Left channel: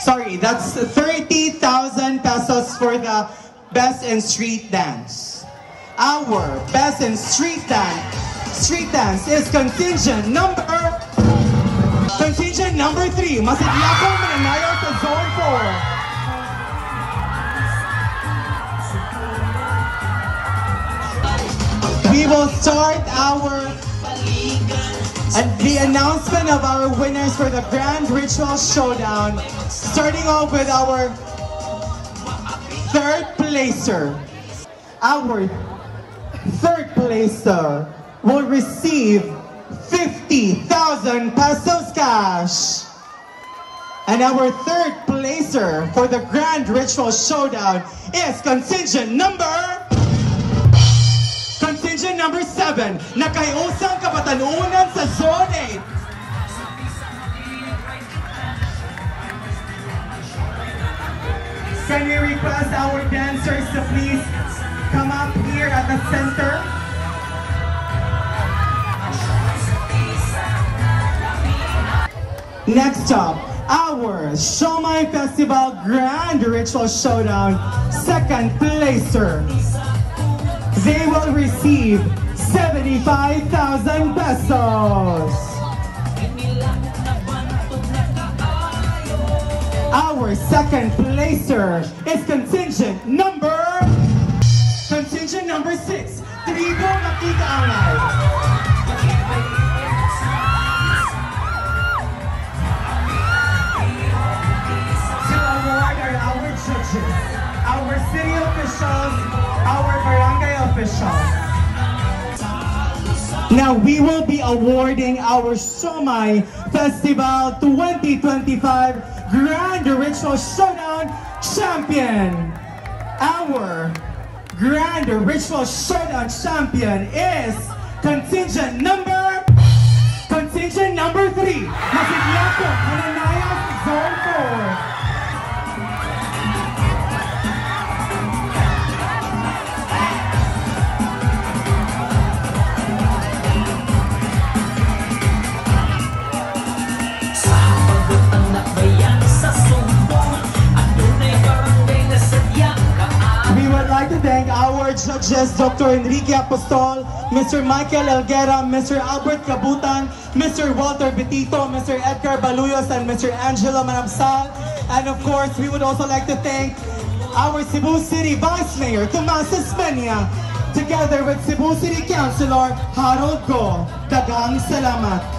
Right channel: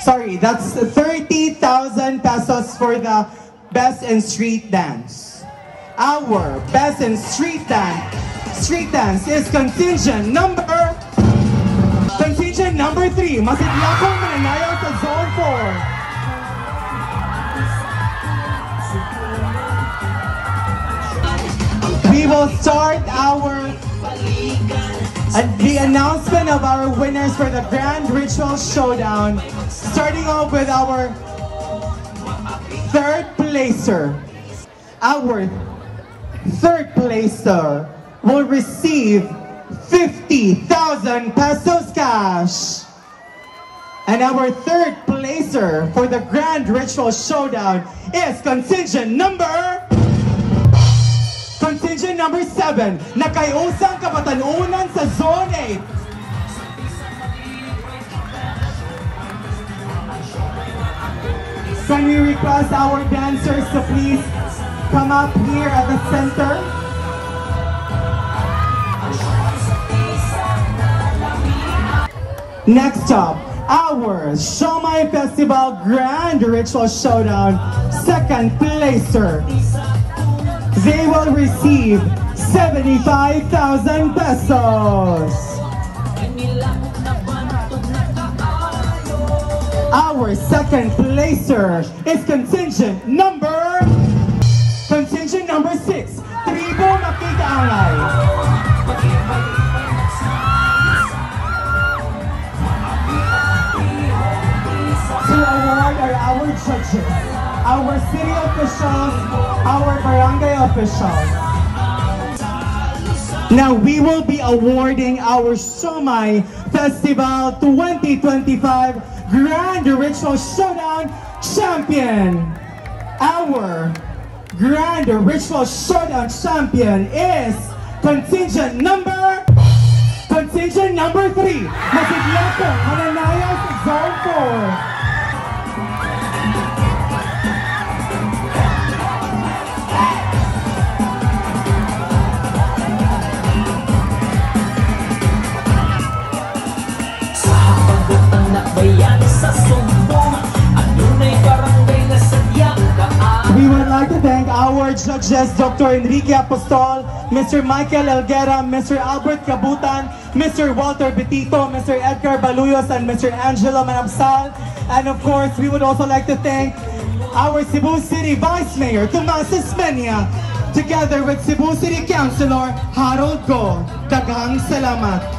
Sorry, that's 30,000 pesos for the Best in Street Dance. Our Best in Street Dance is contingent number 3. Masiglapo mananayaw sa Zone 4. We will start the announcement of our winners for the Grand Ritual Showdown, starting off with our third placer. Our third placer will receive 50,000 pesos cash. And our third placer for the Grand Ritual Showdown is contingent number 7, nakayusang kapatalunan sa Zone 8. Can we request our dancers to please come up here at the center? Next up, our Siomai Festival Grand Ritual Showdown second placer. They will receive 75,000 pesos. Our second placer is contingent number 6, Tribo Makitaangay. To award are our judges, our city officials, our barangay officials. Now we will be awarding our Siomai Festival 2025 Grand Ritual Showdown Champion. Our Grand Ritual Showdown Champion is contingent number 3. Masiglapo mananayaw sa Zone 4. Judges Dr. Enrique Apostol, Mr. Michael Elguera, Mr. Albert Cabutan, Mr. Walter Betito, Mr. Edgar Baluyos, and Mr. Angelo Manabsal. And of course, we would also like to thank our Cebu City Vice Mayor, Tomas Espeña, together with Cebu City Councilor Harold Go. Daghang salamat.